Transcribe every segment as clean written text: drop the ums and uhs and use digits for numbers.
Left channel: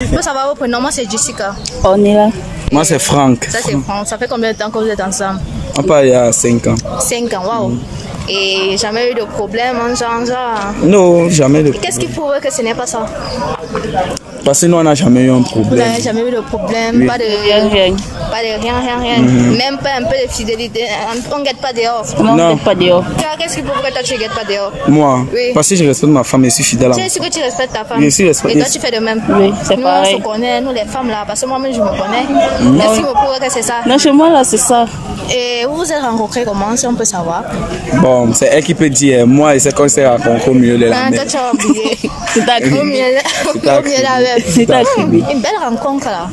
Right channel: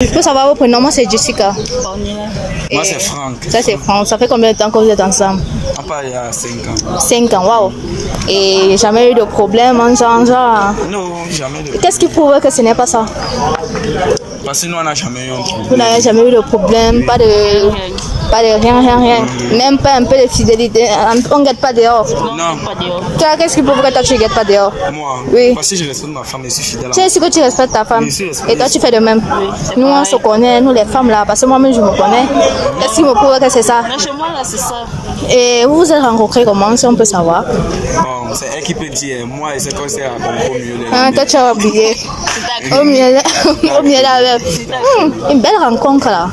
Il faut savoir vos prénoms. Moi, c'est Jessica. On y va. Moi, c'est Franck. Ça, c'est Franck. Ça fait combien de temps que vous êtes ensemble? On parle il y a 5 ans. 5 ans, waouh. Et jamais eu de problème en genre? Non, jamais de problème. Qu'est-ce qui prouve que ce n'est pas ça? Parce que nous, on n'a jamais eu un problème. Vous n'avez jamais eu de problème, oui. Pas de rien. Même pas un peu de fidélité. On ne guette pas dehors. Non, on ne guette pas dehors. Qu'est-ce qui prouve que toi, tu ne guettes pas dehors? Moi, oui. Parce que je respecte ma femme et je suis fidèle. Tu sais que tu respectes ta femme. Oui, si, et toi, tu fais de même. Oui, nous, on se connaît, nous les femmes là, parce que moi-même, je me connais. Qu'est-ce qui me prouve que c'est ça? Non, chez moi, là, c'est ça. Et vous vous êtes rencontrés comment, si on peut savoir? Bon, c'est elle qui peut dire. Moi, et c'est qu'on s'est rencontrés au milieu de la mer. Toi, tu as oublié. Au milieu de la mer. Une belle rencontre là.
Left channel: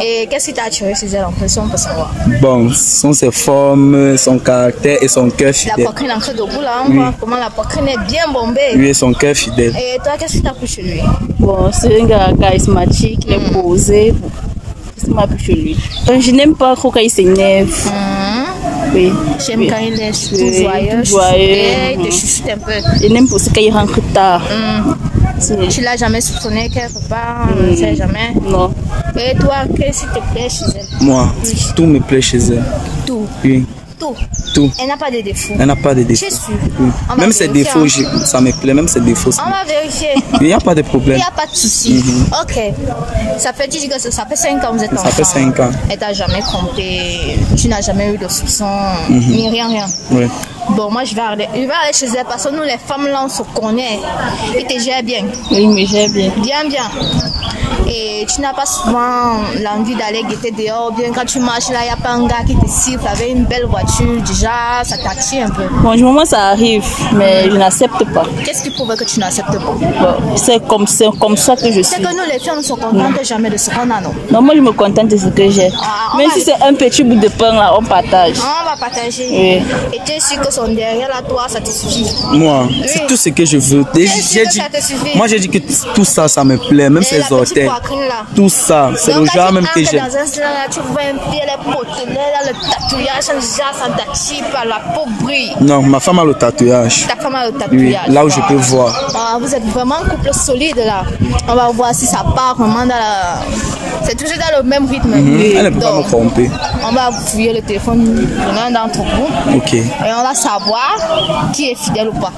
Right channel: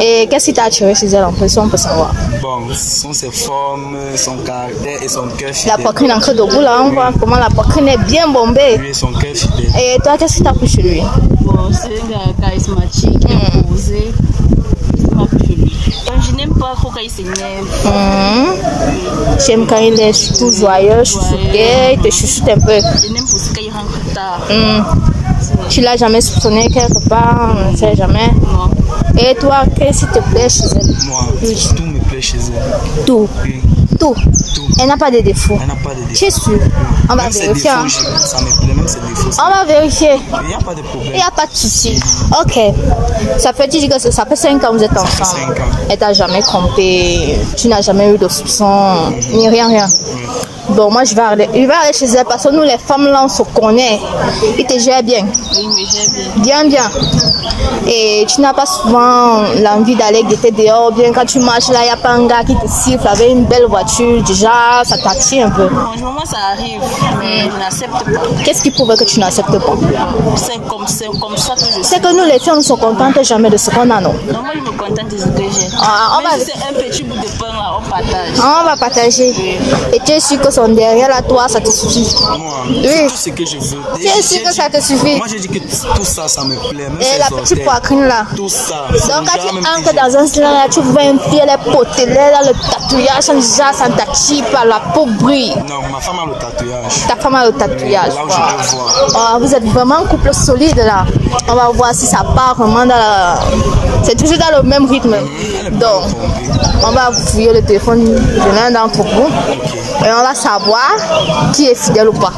Et qu'est-ce qui t'a attiré chez elle en plus, si on peut savoir? Bon, ce sont ses formes, son caractère et son cœur fidèle. La poitrine en creux de bout là, on voit comment la poitrine est bien bombée. Oui, et son cœur fidèle. Et toi, qu'est-ce qui t'a plu chez lui? Bon, c'est un gars charismatique, imposé. Chez lui. Je n'aime pas trop quand il s'énerve. Oui. J'aime quand il est tout joyeux, il te chuchote un peu. Je n'aime pas aussi quand il rentre tard. Tu l'as jamais soupçonné quelque part, on ne sait jamais. Non. Et toi, qu'est-ce qui te plaît chez elle? Moi, oui. Tout me plaît chez elle. Tout? Oui. Tout. Elle n'a pas de défauts. Elle n'a pas de défauts. Je suis sûre. Oui. Même ses défauts, ça me plaît, même ses défauts. On va vérifier. Il n'y a pas de problème. Il n'y a pas de souci. Ok. Ça fait, tu dis que ça fait 5 ans que vous êtes ensemble. Ça fait 5 ans. Elle t'a jamais trompé. Tu n'as jamais eu de soupçon, ni rien. Oui. Bon, moi, je vais aller chez elle parce que nous, les femmes, là, on se connaît. Il te gère bien. Oui, mais gère bien. Bien. Et tu n'as pas souvent l'envie d'aller guetter dehors. Bien, quand tu marches là, il n'y a pas un gars qui te siffle avec une belle voiture. Déjà, ça t'attire un peu. Bon, du moment, ça arrive, mais je n'accepte pas. Qu'est-ce qui prouve que tu n'acceptes pas? C'est comme ça que je suis. C'est que nous, les filles, on ne se contente jamais de ce qu'on a, non? Non, moi, je me contente de ce que j'ai. Même si c'est un petit bout de pain, là, on partage. On va partager. Oui. Et tu es sûr que son derrière, là, toi, ça te suffit? Moi, c'est tout ce que je veux. Tu es sûr que ça te suffit? Moi, j'ai dit que tout ça, ça me plaît. Même ses orteils. Là. Tout ça, c'est le genre même que j'aime. Dans un salon, tu vois un pied, les potelets, le tatouage, ça t'attire par la peau brille. Non, ma femme a le tatouage. Ta femme a le tatouage. Oui, là où je peux voir. Vous êtes vraiment un couple solide là. On va voir si ça part vraiment dans la... C'est toujours dans le même rythme. Elle ne peut pas me tromper. On va fouiller le téléphone de l'un d'entre vous. Ok. Et on va savoir qui est fidèle ou pas.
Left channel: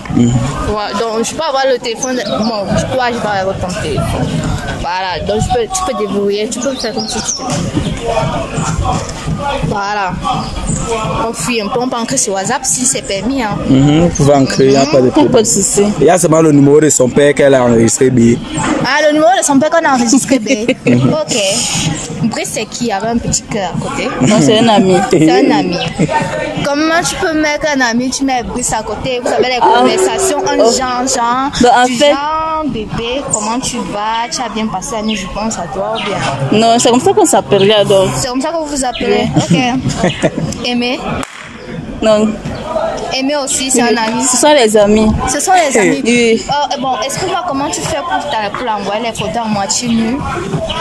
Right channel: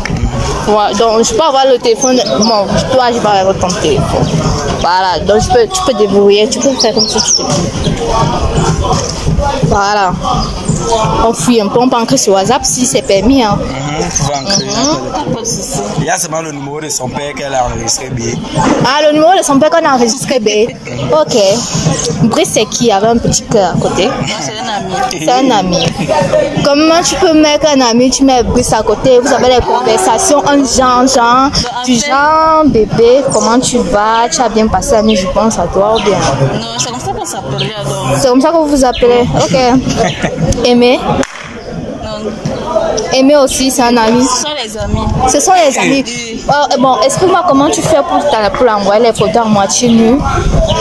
Voilà, donc je peux avoir le téléphone. Bon, toi, je vais avoir ton téléphone. Voilà, donc tu peux débrouiller, tu peux faire comme ça. Voilà. On fuit un peu, on peut ancrer sur WhatsApp si c'est permis. Hein. Vous pouvez ancrer, il n'y a pas de problème. Il y a seulement le numéro de son père qu'elle a enregistré. Ah, le numéro de son père qu'on a enregistré. Ok. Brice, c'est qui? Il y avait un petit cœur à côté. C'est un ami. C'est un ami. Comment tu peux mettre un ami, tu mets Brice à côté, vous avez des conversations, genre, bébé, comment tu vas? Tu as bien passé la nuit, je pense à toi ou bien? Non, c'est comme ça qu'on s'appelle là. C'est comme ça que vous vous appelez? Ok. Aimé? Non. Aimé aussi, c'est un ami. Ce sont les amis. Ce sont les amis. Oui. Bon, explique-moi comment tu fais pour envoyer les photos à moitié nues,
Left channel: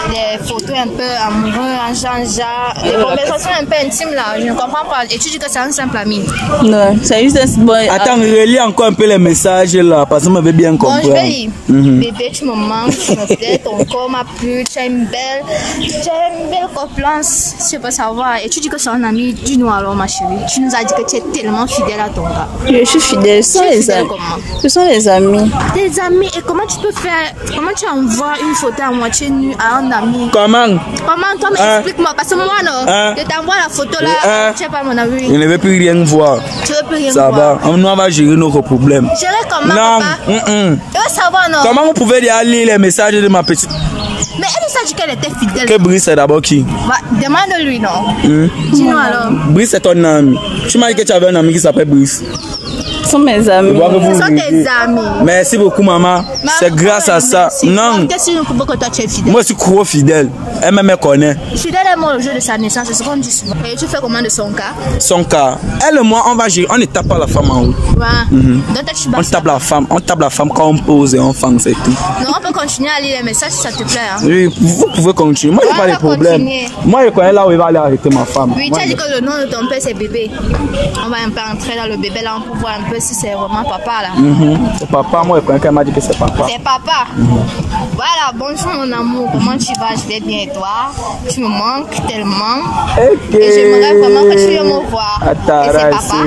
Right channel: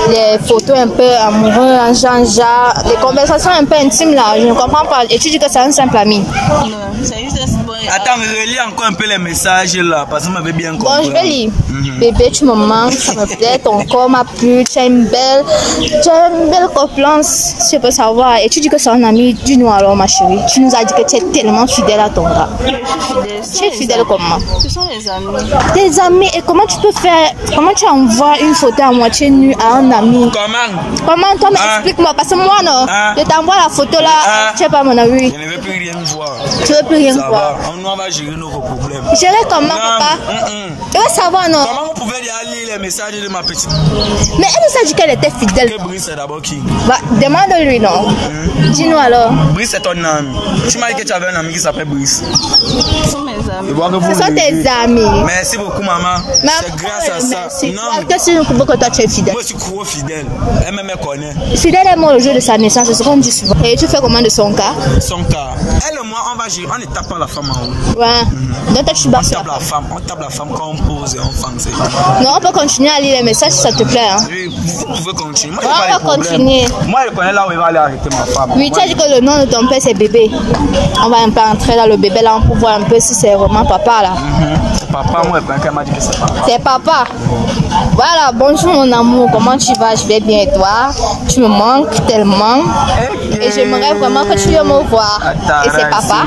les photos un peu amoureuses, genre, les conversations un peu intimes là. Je ne comprends pas. Et tu dis que c'est un simple ami? Non, c'est juste un bon. Attends, relis encore un peu les messages là, parce que je m'avais bien compris. Bon, je vais lire. Bébé, tu me manques, tu me plais, ton corps m'a plu, tu as une belle confiance, si je peux savoir. Et tu dis que c'est un ami, dis-nous alors, ma chérie. Tu nous as dit que tu es tellement fidèle à ton gars. Je suis fidèle. Tu es fidèle comment? Ce sont les amis. Des amis. Et comment tu peux faire? Comment tu envoies une photo à moitié nue à un ami? Comment? Toi, explique-moi. Parce que moi, non. Je t'envoie la photo là. Tu sais pas mon avis. Je ne veux plus rien voir. Tu veux plus rien voir? Ça va. Nous, on va gérer nos problèmes. Gérer comment, papa? Tu veux savoir, non? Comment vous pouvez lire les messages de ma petite? Mais elle nous a dit qu'elle était fidèle. Que Brice, c'est d'abord qui? Demande-lui, non? Dis-nous alors. Brice, c'est ton ami. Tu m'as dit que tu avais un ami qui s'appelle Brice. Ce sont mes amis. Ce sont tes amis. Merci beaucoup, maman. C'est grâce à ça. Non. Qu'est-ce que tu veux que toi tu es fidèle? Moi, je suis trop fidèle. Elle me connaît. Fidèle est moi le jour de sa naissance, c'est ce qu'on dit souvent. Et tu fais comment de son cas? Son cas. Elle et moi, on va gérer. On ne tape pas la femme en haut. Ouais. Donc, tu on tape la femme. On tape la femme quand on pose et on femme, c'est tout. Non, on peut continuer à lire les messages si ça te plaît. Hein? Oui, vous pouvez continuer. Moi, je n'ai pas de problème. Continuer. Moi, je connais là où il va aller arrêter ma femme. Oui, tu as dit que le nom de ton père, c'est bébé. On va un peu entrer dans le bébé là pour voir un peu si c'est vraiment papa là. C'est papa, moi elle m'a dit que c'est papa. C'est papa. Voilà, bonjour mon amour, comment tu vas? Je vais bien et toi? Tu me manques tellement. Et j'aimerais vraiment que tu viennes me voir. Et c'est papa.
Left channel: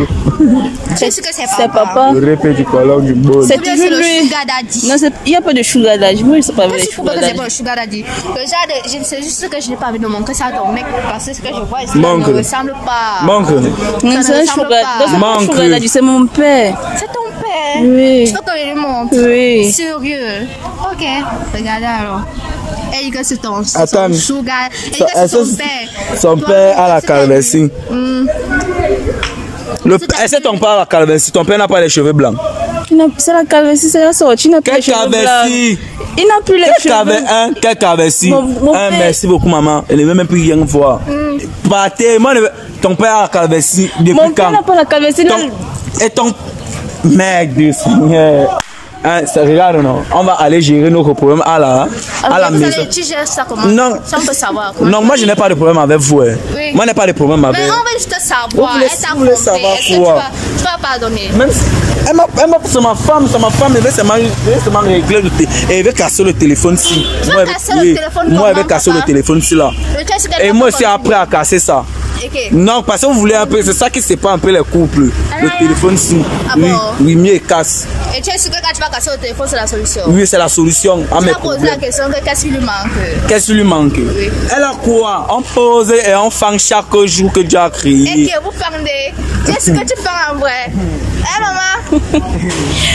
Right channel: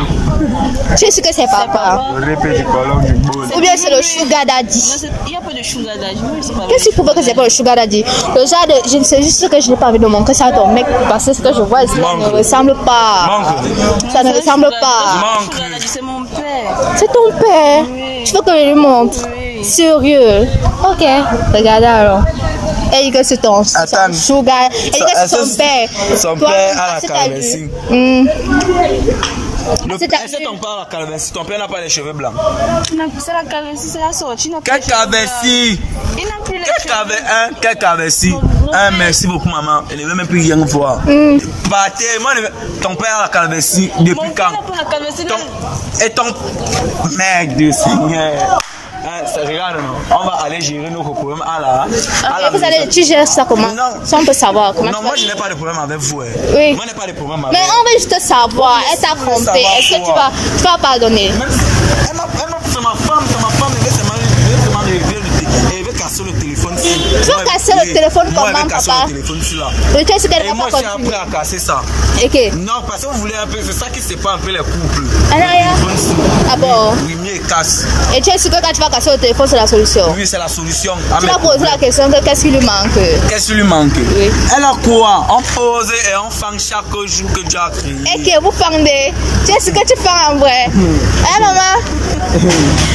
Tu es sûr que c'est papa? Le répète du colon du bol. Ou bien c'est le sugar daddy? Non, il n'y a pas de sugar daddy. Qu'est-ce qu'il faut que c'est pas le sugar daddy? Le genre de, je ne sais juste que je n'ai pas envie de manquer ça à ton mec parce que ce que je vois ici ne ressemble pas. Ça ne ressemble pas. Sugar daddy, c'est mon père. C'est ton père? Oui. Tu veux que je lui montre? Oui. Sérieux? Ok. Regardez alors. Elle dit que c'est ton sugar. Elle dit que c'est son père. Son père a la calvitie. C'est ton père à la calvitie. Ton père n'a pas les cheveux blancs. C'est la calvitie, c'est la sortie. Il n'a pas les cheveux blancs. Il n'a plus les cheveux. Quel calvitie? Merci beaucoup maman. Elle ne veut même plus rien voir. Partez. Moi, ton père a la calvitie depuis quand? Mon père n'a pas la calvitie. Et ton... Merde du Seigneur. Hein, regarde, non. On va aller gérer nos problèmes à la maison. Tu gères ça comment? Non. Ça, on peut savoir. Non, moi, je n'ai pas de problème avec vous. Hein. Oui. Moi, je n'ai pas de problème avec vous. Mais on veut juste savoir. Elle t'a trompé. Est-ce que tu vas pardonner? C'est ma femme. Elle veut seulement régler elle veut casser le téléphone ici. Tu vas casser le téléphone comment? Moi, elle veut casser le téléphone ici, là. Et moi, je suis après à casser ça. Okay. Non, parce que vous voulez un peu, c'est ça qui sépare un peu les couples. Le téléphone ici. Ah bon? Oui, mieux il casse. Et tu es sûr que quand tu vas casser le téléphone, c'est la solution? Oui, c'est la solution. Tu vas poser la question qu'est-ce qui lui manque? Qu'est-ce qui lui manque? Oui. Elle a quoi? On pose et on fait chaque jour que Dieu a créé. Et que vous fendez? Qu'est-ce que tu fais en vrai? Hein, maman?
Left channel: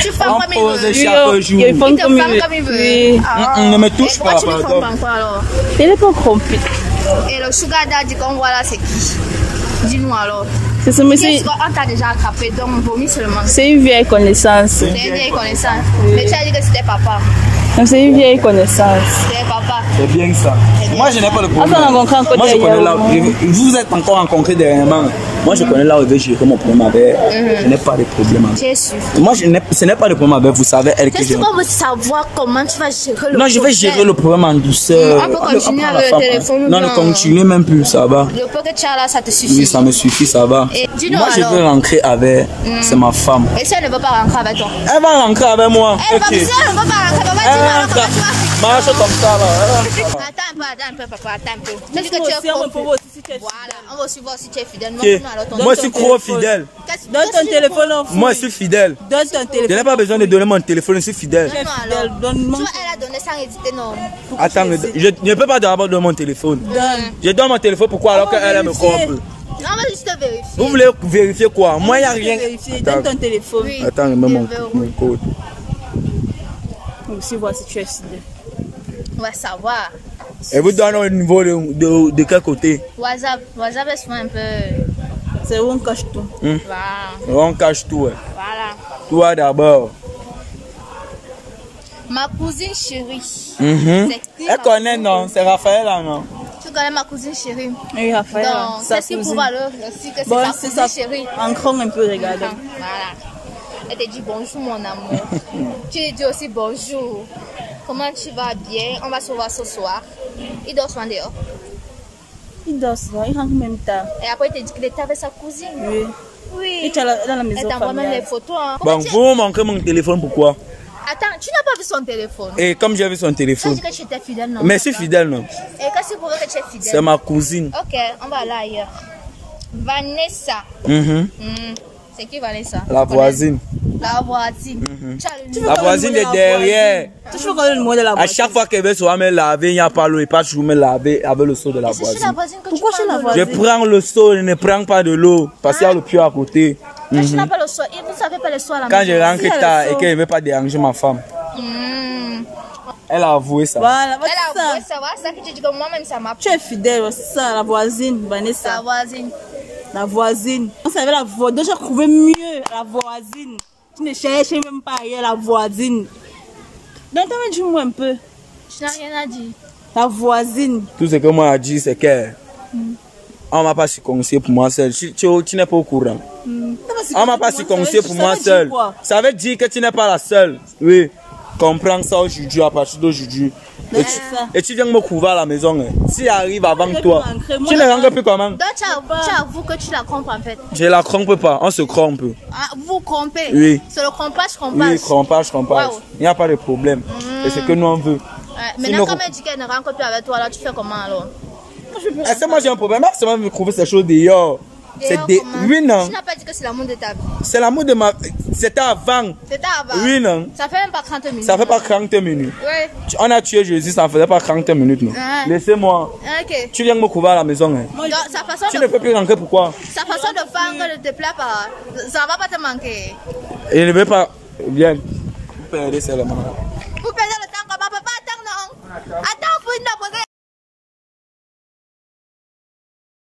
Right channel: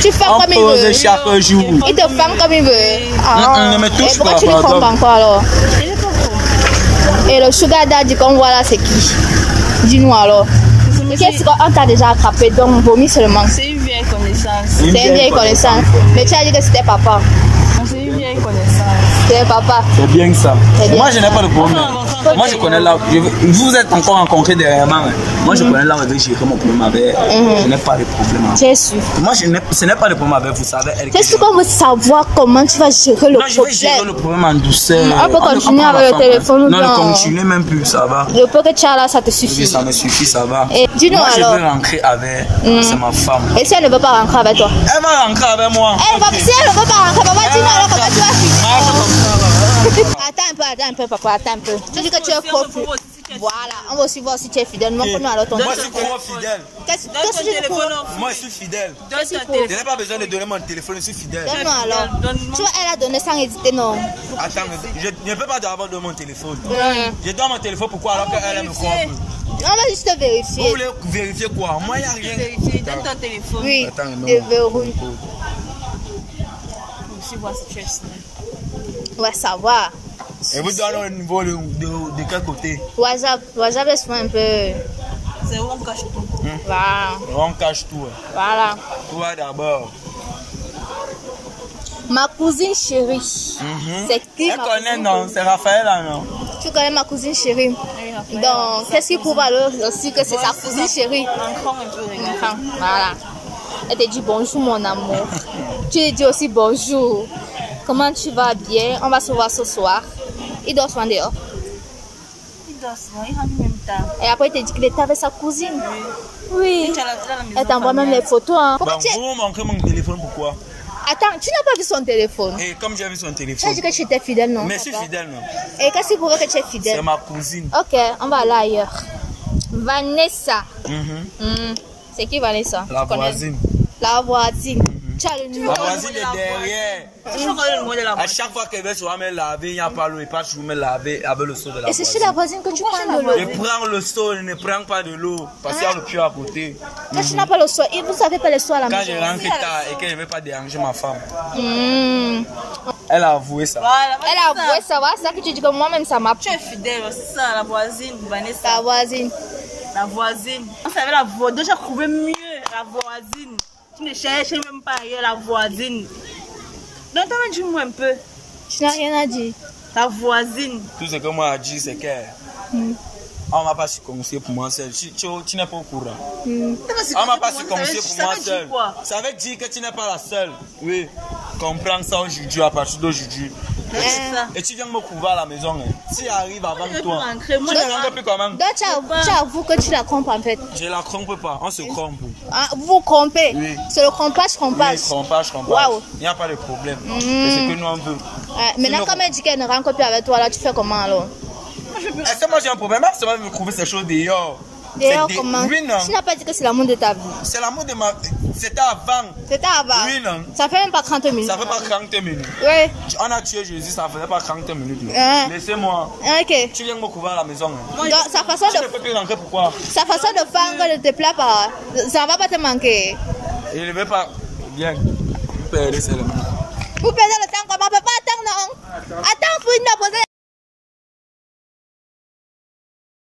Tu fais comme il veut. On pose chaque jour. Il te fait comme il veut. On ne me touche pas. Pourquoi tu me trompes encore alors? Il est pas trompé. Et le sugar daddy qu'on voit là, c'est qui? Dis-nous alors. On t'a déjà attrapé, donc vomi seulement. C'est une vieille connaissance. C'est une vieille connaissance. Mais tu as dit que c'était papa. C'est une vieille connaissance. C'était papa. C'est bien ça. Moi, je n'ai pas de problème. Moi, je connais là. Vous êtes encore rencontrés dernièrement. Moi, je connais là où je vais gérer mon problème avec. Je n'ai pas de problème. C'est sûr. Moi, ce n'est pas de problème avec vous. Savez, elle. C'est sûr qu'on veut savoir comment tu vas gérer le problème. Non, je vais gérer le problème en douceur. On peut continuer avec le téléphone. Non, ne continuez même plus, ça va. Le peu que tu as là, ça te suffit. Oui, ça me suffit, ça va. Dis-nous alors. Moi, je veux rentrer avec. C'est ma femme. Et si elle ne veut pas rentrer avec toi? Elle va rentrer avec moi. Si elle ne veut pas rentrer, papa, dis-nous alors comment tu vas. Attends un peu, papa, attends un peu. Tu dis que tu es trop fidèle. Voilà, on va aussi voir si tu es fidèle. Moi, je suis trop fidèle. Donne ton téléphone. Moi, je suis fidèle. Donne ton téléphone. Je n'ai pas besoin de donner mon téléphone, je suis fidèle. Donne-moi alors. Tu vois, elle a donné sans hésiter, non. Attends, je ne peux pas d'abord donner mon téléphone. Je donne mon téléphone, pourquoi alors qu'elle me corrompt? Non, on va juste vérifier. Vous voulez vérifier quoi? Moi, il n'y a rien. Donne ton téléphone. Oui. Attends, je mets mon code. Aussi voir si tu es fidèle. On va savoir. Et vous donnez au niveau de quel côté? WhatsApp est souvent un peu. C'est où on cache tout. Voilà. On cache tout. Voilà. Toi d'abord. Ma cousine chérie. C'est qui? Elle connaît, non? C'est Raphaël, non? Tu connais ma cousine chérie? Oui, Raphaël. Donc, qu'est-ce qui prouve alors aussi que c'est ta cousine chérie? Encore un peu, regarde. Voilà. Elle te dit bonjour, mon amour. Tu lui dis aussi bonjour. Comment tu vas bien? On va se voir ce soir. Il dort souvent dehors. Il dort souvent, il rentre même tard. Et après, il te dit qu'il était avec sa cousine. Oui. Oui. Elle t'envoie même les photos. Hein. Bon, vous manquez mon téléphone, pourquoi? Attends, tu n'as pas vu son téléphone? Et comme j'ai vu son téléphone. Tu as dit que tu étais fidèle, non? Mais je suis fidèle, non? Et qu'est-ce qui prouve que tu es fidèle? C'est ma cousine. Ok, on va aller ailleurs. Vanessa. C'est qui Vanessa? La voisine. La voisine. La voisine de derrière. Tu connais le mot de la voisine. À chaque fois qu'elle veut soit me laver, il n'y a pas l'eau. Il pas toujours me laver avec le seau de la voisine. Et c'est sur la voisine que tu prends de l'eau? Je prends le seau, je ne prends pas de l'eau. Parce qu'il y a le puits à côté. Quand tu n'as pas le seau, vous savez pas le seau à la maison? Quand je rentre tard et que je ne veux pas déranger ma femme. Elle a avoué ça. Voilà, elle a avoué ça. Voilà, c'est ça que tu dis que moi-même ça m'a. Tu es fidèle, c'est ça, la voisine, Vanessa. La voisine. La voisine. On savait la voisine. Donc j'ai trouvé mieux la voisine. Tu ne cherches même pas ailleurs la voisine. Donc t'as dit moi un peu. Tu n'as rien à dire. La voisine. Tout ce que moi a dit c'est que on m'a pas circoncisé pour moi seul. Tu n'es pas au courant. On m'a pas circoncisé pour moi seul. Ça veut dire que tu n'es pas la seule. Oui. Comprends ça aujourd'hui, à partir d'aujourd'hui. Et tu viens me couvrir à la maison. Si arrive avant toi, tu ne rentres plus comment? Donc tu avoues que tu la trompes en fait. Je la trompe pas, on se trompe. Ah, vous trompez? Oui. C'est le crompage. Oui, crompage. Wow. Il n'y a pas de problème. C'est ce que nous on veut. Maintenant, quand elle dit qu'elle ne rentre plus avec toi, là, tu fais comment alors? Est-ce que moi j'ai un problème? C'est moi me trouver ces choses dehors. Oui, non. Tu n'as pas dit que c'est l'amour de ta vie. C'est l'amour de ma... C'était avant. C'était avant? Oui, non. Ça fait même pas 30 minutes. Ça fait pas 30 minutes. Oui. On a tué Jésus, ça ne faisait pas 30 minutes. Laissez-moi. Ok. Tu viens me couvrir à la maison. Donc, sa façon tu ne peux plus rentrer, pourquoi? Sa façon de faire ne te plaît pas. Ça ne va pas te manquer. Il ne veut pas... Bien. Vous perdez seulement. Vous perdez le temps comment? Papa, attends, non. Attends, faut me poser